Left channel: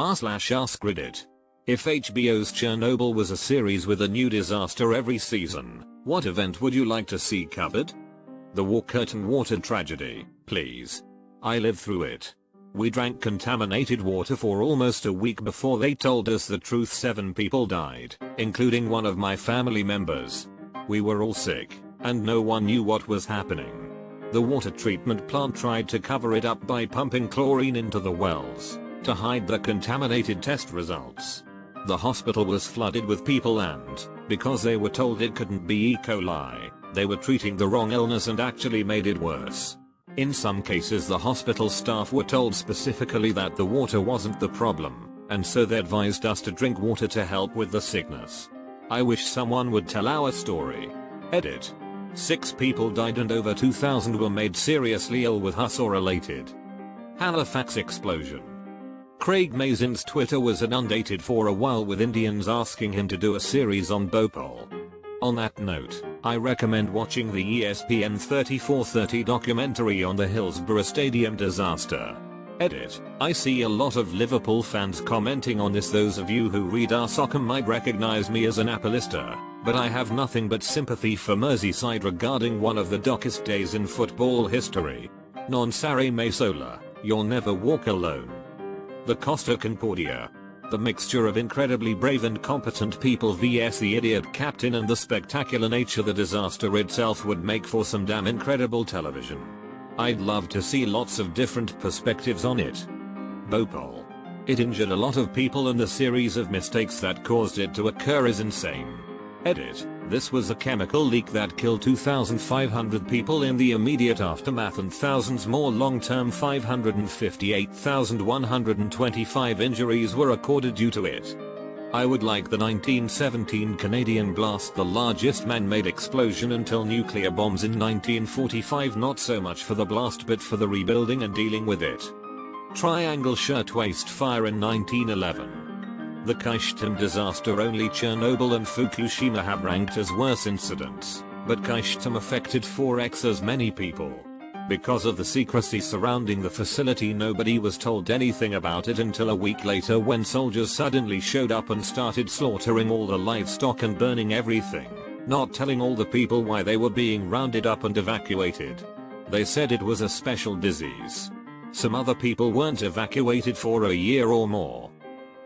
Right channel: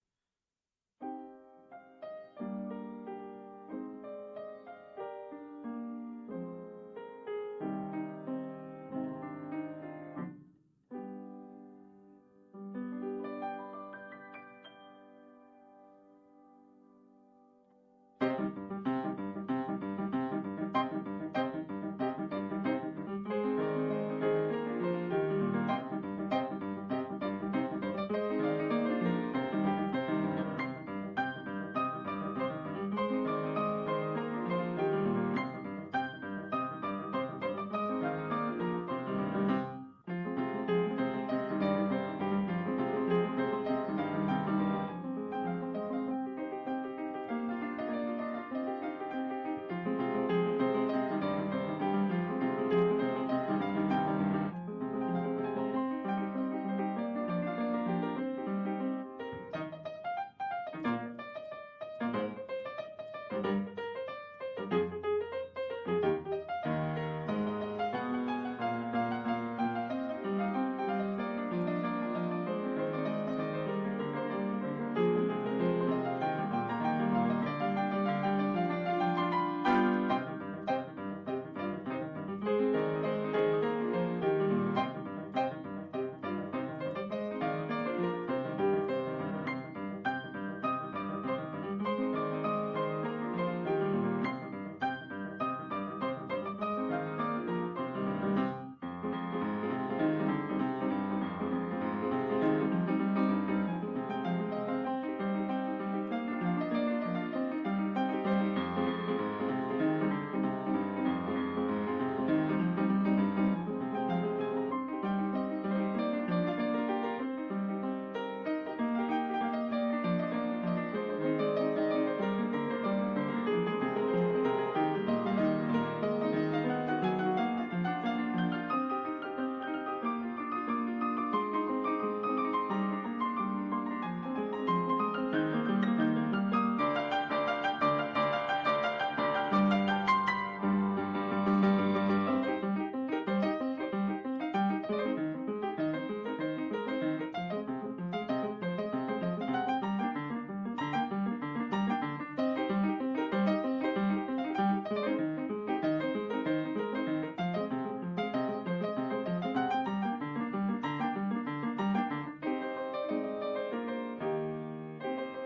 r/ask Reddit. If HBO's Chernobyl was a series with a new disaster every season, what event would you like to see covered? The War Curtain water tragedy, please. I lived through it. We drank contaminated water for almost a week before they told us the truth. 7 people died, including one of my family members. We were all sick, and no one knew what was happening. The water treatment plant tried to cover it up by pumping chlorine into the wells to hide the contaminated test results. The hospital was flooded with people, and because they were told it couldn't be E. coli, they were treating the wrong illness and actually made it worse. In some cases, the hospital staff were told specifically that the water wasn't the problem, and so they advised us to drink water to help with the sickness. I wish someone would tell our story. Edit. 6 people died and over 2,000 were made seriously ill with us or related. Halifax explosion. Craig Mazin's Twitter was inundated for a while with Indians asking him to do a series on Bhopal. On that note, I recommend watching the ESPN 3430 documentary on the Hillsborough Stadium disaster. Edit. I see a lot of Liverpool fans commenting on this. Those of you who read our soccer might recognize me as an Appalista, but I have nothing but sympathy for Merseyside regarding one of the darkest days in football history. Non Sarri Mai Sola, you'll never walk alone. The Costa Concordia. The mixture of incredibly brave and competent people vs the idiot captain and the spectacular nature the disaster itself would make for some damn incredible television. I'd love to see lots of different perspectives on it. Bhopal. It injured a lot of people and the series of mistakes that caused it to occur is insane. Edit. This was a chemical leak that killed 2,500 people in the immediate aftermath and thousands more long-term. 558,125 injuries were recorded due to it. I would like the 1917 Canadian blast, the largest man-made explosion until nuclear bombs in 1945. Not so much for the blast but for the rebuilding and dealing with it. Triangle Shirtwaist Fire in 1911. The Kyshtym disaster. Only Chernobyl and Fukushima have ranked as worse incidents, but Kyshtym affected 4x as many people. Because of the secrecy surrounding the facility, nobody was told anything about it until a week later when soldiers suddenly showed up and started slaughtering all the livestock and burning everything, not telling all the people why they were being rounded up and evacuated. They said it was a special disease. Some other people weren't evacuated for a year or more.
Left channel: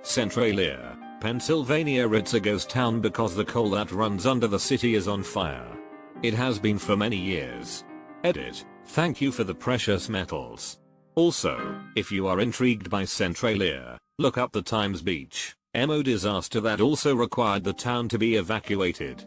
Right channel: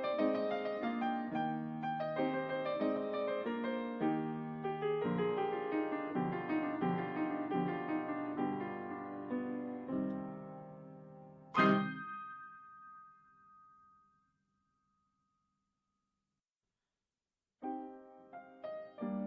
Centralia, Pennsylvania. It's a ghost town because the coal that runs under the city is on fire. It has been for many years. Edit. Thank you for the precious metals. Also, if you are intrigued by Centralia, look up the Times Beach, MO disaster that also required the town to be evacuated.